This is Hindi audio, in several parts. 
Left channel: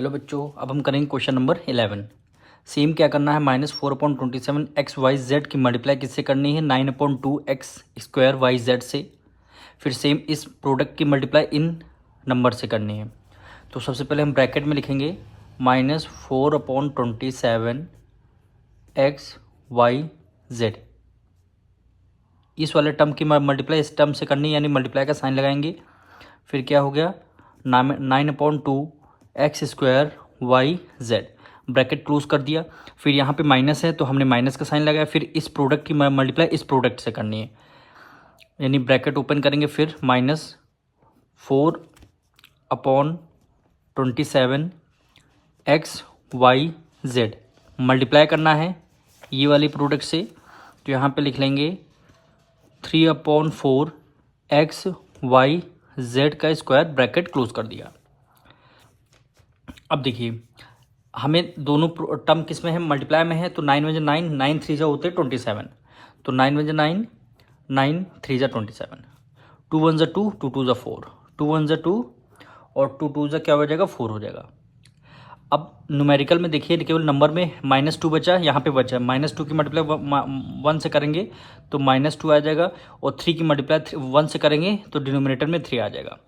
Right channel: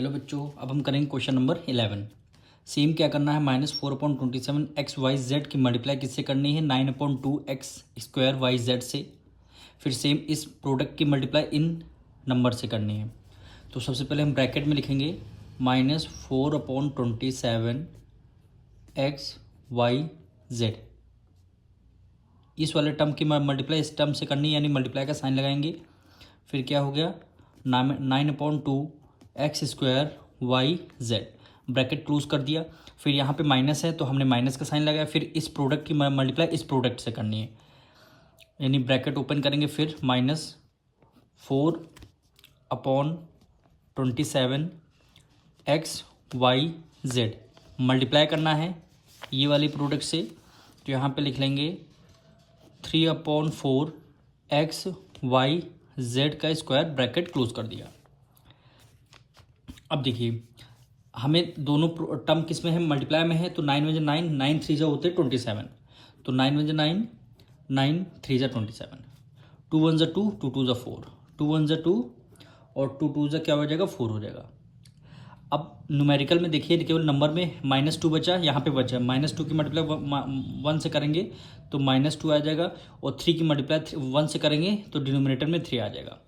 हेलो बच्चों, अब हम करेंगे क्वेश्चन नंबर 11। सेम क्या करना है, -4/27 एक्स वाई जेड की मल्टीप्लाई किससे करनी है, 9/2 एक्स स्क्वायर वाई जेड से। फिर सेम इस प्रोडक्ट की मल्टीप्लाई इन नंबर से करनी है। तो सबसे पहले हम ब्रैकेट में लिखेंगे -4/27 एक्स वाई जेड। इस वाले टर्म की मल्टीप्लाई इस टर्म से करनी है, यानी मल्टीप्लाई का साइन लगाएंगे। फिर क्या हो गया, 9/2 x square y z, bracket close कर दिया। फिर यहाँ पे माइनस है तो हमने माइनस का साइन लगाया। फिर इस प्रोडक्ट की मल्टीप्लाई इस प्रोडक्ट से करनी है, यानी ब्रैकेट ओपन करेंगे। फिर -4/27 एक्स वाई जेड मल्टीप्लाई करना है ये वाली प्रोडक्ट से। तो यहाँ पे लिख लेंगे 3/4 एक्स वाई जेड का स्क्वायर, ब्रैकेट क्लोज कर दिया। अब देखिए, हमें दोनों टर्म किस में है, मल्टीप्लाई में है। तो 9 × 9, 9 3 जा होते 27। तो 9 × 9, 9 3 जा 27, 2 1 जा 2, 2 2 जा 4, 2 1 जा 2 और 2 2 जा क्या हो जाएगा, 4 हो जाएगा। अब न्यूमेरिकल में देखिए, केवल नंबर में -2 बचा, यहाँ पे बचा -2 की मल्टीप्लाई 1 से करेंगे तो -2 आ जाएगा, और 3 की मल्टीप्लाई 1 से करेंगे तो डिनोमिनेटर में 3 आ जाएगा।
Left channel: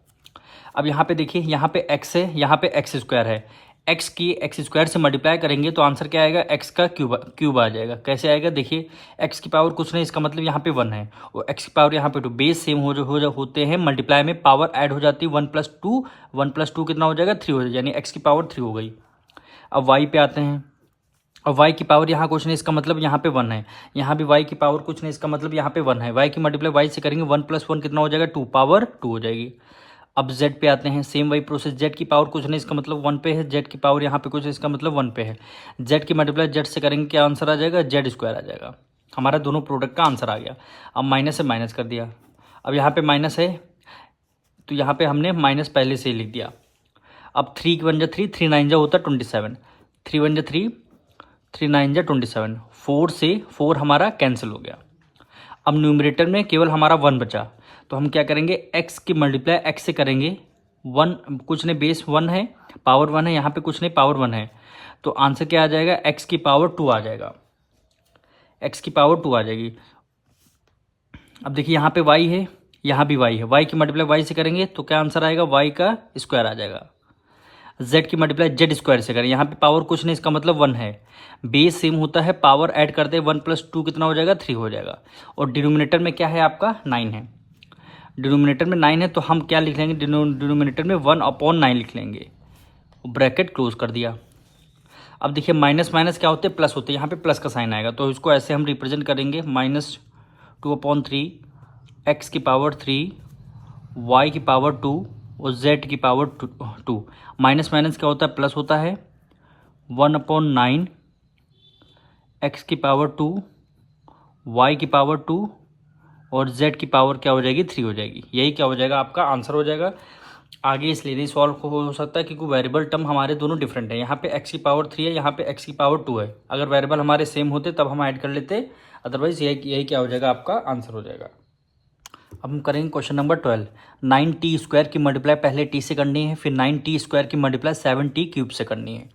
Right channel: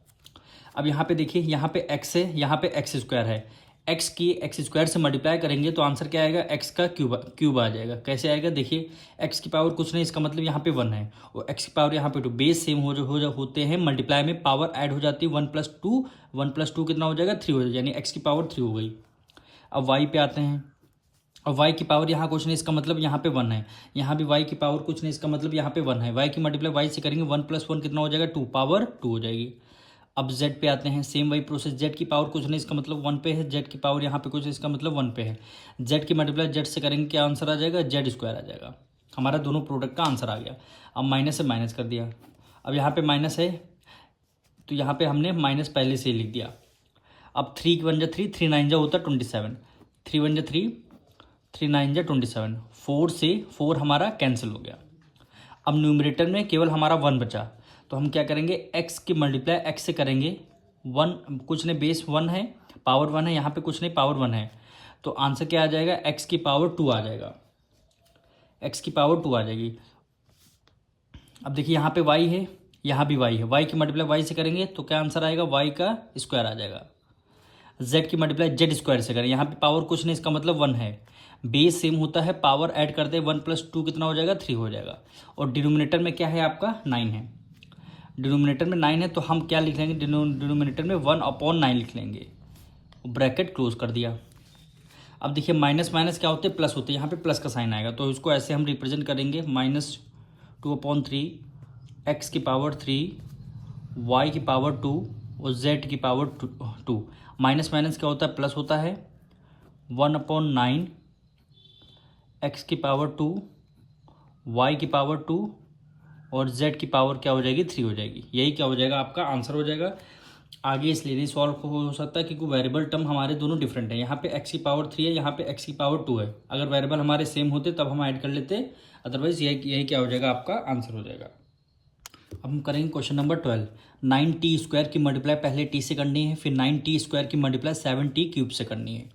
अब यहाँ पे देखिए, यहाँ पे x है, यहाँ पे एक्स स्क्वायर है। x की एक्स स्क्वायर से मल्टीप्लाई करेंगे तो आंसर क्या आएगा, x का क्यूब आ जाएगा। कैसे आएगा, देखिए x की पावर कुछ नहीं, इसका मतलब यहाँ पे 1 है, और x की पावर यहाँ पे 2, बेस सेम होते हैं, मल्टीप्लाई में पावर ऐड हो जाती है। 1 + 2, 1 + 2 कितना हो जाएगा, 3 हो जाएगा, यानी x की पावर 3 हो गई। अब y पे आते हैं। अब y की पावर यहाँ कुछ नहीं, इसका मतलब यहाँ पे 1 है, यहाँ भी y की पावर कुछ नहीं, इसका मतलब यहाँ पे 1 है। y की मल्टीप्लाई y से करेंगे, 1 + 1 कितना हो जाएगा, 2, पावर 2 हो जाएगी। अब z पे आते हैं, सेम वही प्रोसेस, z की पावर कुछ नहीं, इसका मतलब 1 पे है, z की पावर यहाँ पे कुछ है, इसका मतलब 1 पे है। z की मल्टीप्लाई z से करेंगे, क्या आंसर आ जाएगा, z स्क्वायर आ जाएगा। हमारा दोनों प्रोडक्ट का आंसर आ गया। अब माइनस से माइनस कर दिया। अब यहाँ पे माइनस है तो यहाँ पे हमने माइनस पहले से ही लिख दिया। अब 3 1 जा 3, 3 9 जा होता 27, 3 1 जा 3, 3 9 जा 27, 4 से 4 हमारा कैंसिल हो गया। अब न्यूमरेटर में केवल हमारा 1 बचा, तो हम क्या करेंगे, x की मल्टीप्लाई x से करेंगे। 1 कुछ नहीं, बेस 1 है, पावर 1 है, यहाँ पे कुछ नहीं, पावर 1 है, तो आंसर क्या आ जाएगा, x की पावर 2 आ जाएगा, x की पावर 2 आ जाएगी। अब देखिए, यहाँ पे y है, यहाँ भी y है, y की मल्टीप्लाई y से करेंगे तो क्या आंसर आएगा, y का स्क्वायर आ जाएगा। z की मल्टीप्लाई z स्क्वायर से करें, यहाँ पे पावर कुछ नहीं, इसका मतलब 1 है, बेस सेम होता है, पावर ऐड करते हैं, 1 + 2 कितना हो जाएगा, 3 हो जाएगा। और डिनोमिनेटर में क्या है आपका, 9 है, डिनोमिनेटर में 9 है, तो हम क्या लिख लेंगे, डिनोमिनेटर में 1/9 लिख लेंगे, ब्रैकेट क्लोज कर दिया। अब देखिए, माइनस माइनस क्या होते हैं, प्लस होते हैं, यहाँ पे प्लस का साइन आएगा, तो इसको ऐसे हम रिप्रेजेंट करेंगे, -2/3 एक्स की पावर 3, वाई की पावर 2 और जेड की पावर 2। माइनस माइनस क्या होता है, प्लस होता है, 1/9 एक्स की पावर 2, वाई की पावर 2 और z की पावर क्या हो जाएगी, 3 हो जाएगी। यही क्या हो जाएगा, आपका आंसर हो जाएगा। आगे इसलिए नहीं सॉल्व हो सकता है क्योंकि वेरिएबल टर्म हमारे दोनों डिफरेंट है, यहाँ पे x की पावर 3 है, यहाँ पे x की पावर 2 है। अगर वेरिएबल हमारे सेम होते तब हम ऐड कर लेते, अदरवाइज यही क्या हो जाएगा, आपका आंसर हो जाएगा। अब हम करेंगे क्वेश्चन नंबर 12। 9t² की मल्टीप्लाई पहले t से करनी है, फिर 9t² की मल्टीप्लाई 7t³ से करनी है।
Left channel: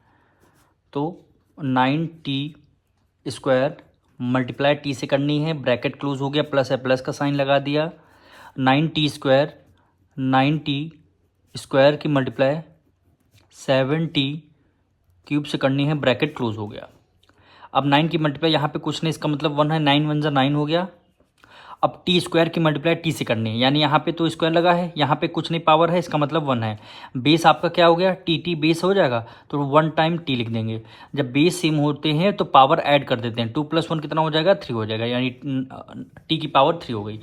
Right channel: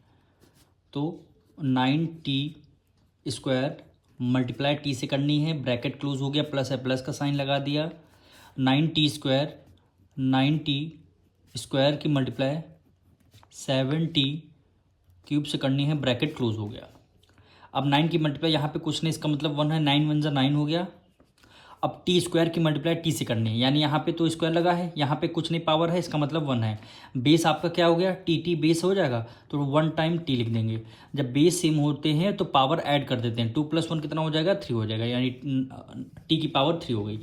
तो 9t² मल्टीप्लाई टी से करनी है, ब्रैकेट क्लोज हो गया, प्लस है, प्लस का साइन लगा दिया। 9t² की मल्टीप्लाई 7t³ से करनी है, ब्रैकेट क्लोज हो गया। अब 9 की मल्टीप्लाई यहाँ पे कुछ नहीं, इसका मतलब 1 है, 9 1 जा 9 हो गया। अब t² की मल्टीप्लाई t से करनी है, यानी यहाँ पे तो स्क्वायर लगा है, यहाँ पे कुछ नहीं, पावर है, इसका मतलब 1 है। बेस आपका क्या हो गया, t बेस हो जाएगा, तो 1 टाइम t लिख देंगे। जब बेस सेम होते हैं तो पावर ऐड कर देते हैं, 2 + 1 कितना हो जाएगा, 3 हो जाएगा, यानी t की पावर 3 हो गई।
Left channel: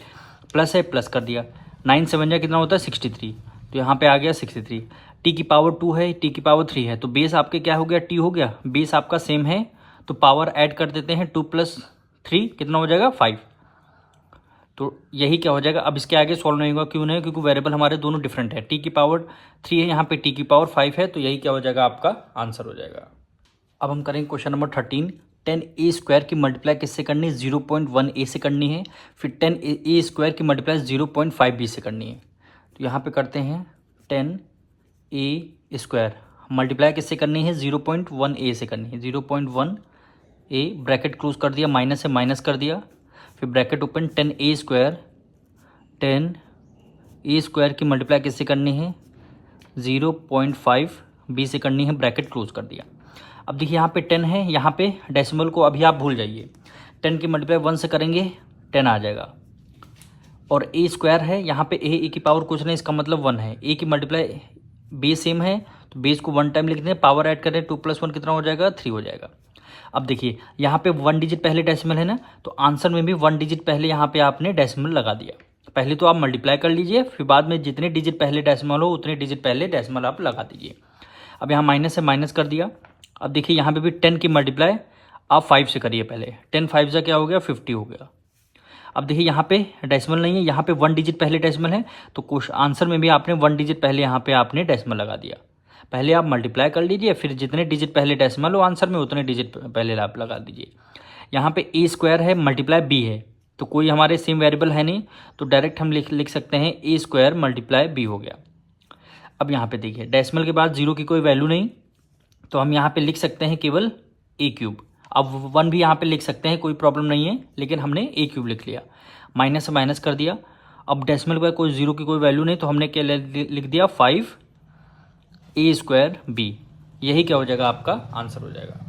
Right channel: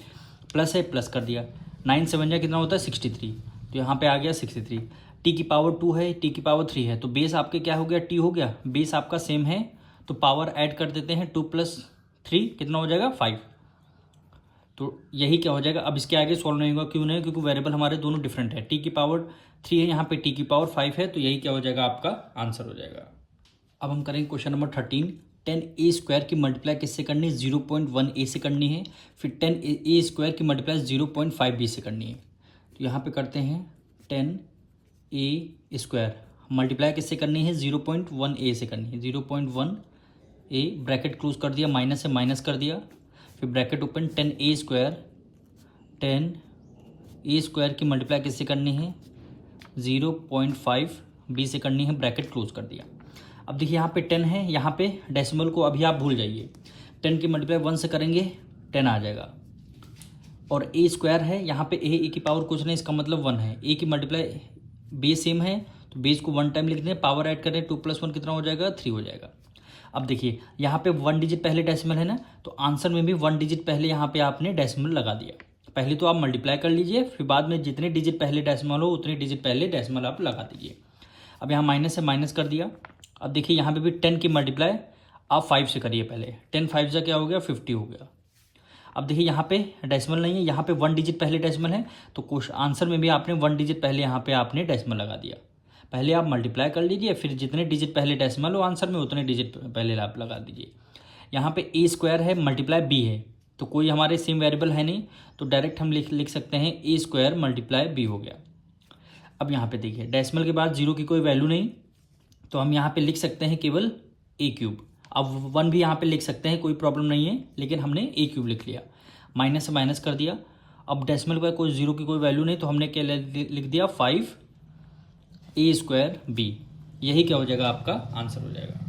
प्लस है, प्लस कर दिया, 9 7 जा कितना होता है, 63, तो यहाँ पे आ गया 63। t की पावर 2 है, t की पावर 3 है, तो बेस आपके क्या हो गया, t हो गया, बेस आपका सेम है तो पावर ऐड कर देते हैं, 2 + 3 कितना हो जाएगा, 5। तो यही क्या हो जाएगा। अब इसके आगे सॉल्व नहीं होगा, क्यों नहीं, क्योंकि वेरिएबल हमारे दोनों डिफरेंट है, t की पावर 3 है, यहाँ पे t की पावर 5 है, तो यही क्या हो जाएगा, आपका आंसर हो जाएगा। अब हम करेंगे क्वेश्चन नंबर 13। 10a² की मल्टीप्लाई किससे करनी है, 0.1a से करनी है, फिर 10a² की मल्टीप्लाई 0.5b से करनी है। तो यहाँ पे करते हैं 10a², मल्टीप्लाई किससे करनी है, 0.1a से करनी है, 0.1a ब्रैकेट क्लोज कर दिया, माइनस से माइनस कर दिया, फिर ब्रैकेट ओपन 10a स्क्वायर की मल्टीप्लाई किससे करनी है, 0.5b से करनी है, ब्रैकेट क्लोज कर दिया। अब देखिए यहाँ पे 10 है, यहाँ पे डेसिमल को अभी आप भूल जाइए, 10 की मल्टीप्लाई 1 से करेंगे 10 आ जाएगा, और a स्क्वायर है, यहाँ पे a की पावर कुछ नहीं, इसका मतलब 1 है, a की मल्टीप्लाई बेस सेम है तो बेस को 1 टाइम लिख दें, पावर ऐड करें 2 + 1 कितना हो जाएगा, 3 हो जाएगा। अब देखिए यहाँ पे 1 डिजिट पहले डेसिमल है ना, तो आंसर में भी 1 डिजिट पहले यहाँ पे आपने डेसिमल लगा दिया। पहले तो आप मल्टीप्लाई कर लीजिए, फिर बाद में जितने डिजिट पहले डेसिमल हो उतने डिजिट पहले डेसिमल आप लगा दीजिए। अब यहाँ माइनस से माइनस कर दिया। अब देखिए यहाँ पे भी 10 की मल्टीप्लाई आप 5 से करिए, पहले 10 5 से क्या हो गया, 50 हो गया। अब देखिए यहाँ पे डेसिमल नहीं है, यहाँ पे 1 डिजिट पहले डेसिमल है, तो कुछ आंसर में भी आपने 1 डिजिट पहले यहाँ पे आपने डेसिमल लगा दिया। पहले आप मल्टीप्लाई कर लीजिए, फिर जितने डिजिट पहले डेसिमल हो आंसर में उतने डिजिट पहले आप लगा दीजिए। यहाँ पे a स्क्वायर है, मल्टीप्लाई b है, तो कोई हमारे सेम वेरिएबल है नहीं, तो डायरेक्ट हम लिख सकते हैं a स्क्वायर मल्टीप्लाई b हो गया। अब यहाँ पे देखिए डेसिमल के बाद 0 की कोई वैल्यू नहीं, तो हम यहाँ पे लिख सकते हैं केवल a³। अब 1 भी यहाँ पे लिख सकते हैं, कोई प्रॉब्लम नहीं है, लेकिन हमने a³ लिख लिया, माइनस से माइनस कर दिया। अब डेसिमल का कोई 0 की कोई वैल्यू नहीं, तो हमने क्या लिख दिया, 5a² b। यही क्या हो जाएगा, आपका आंसर हो जाएगा।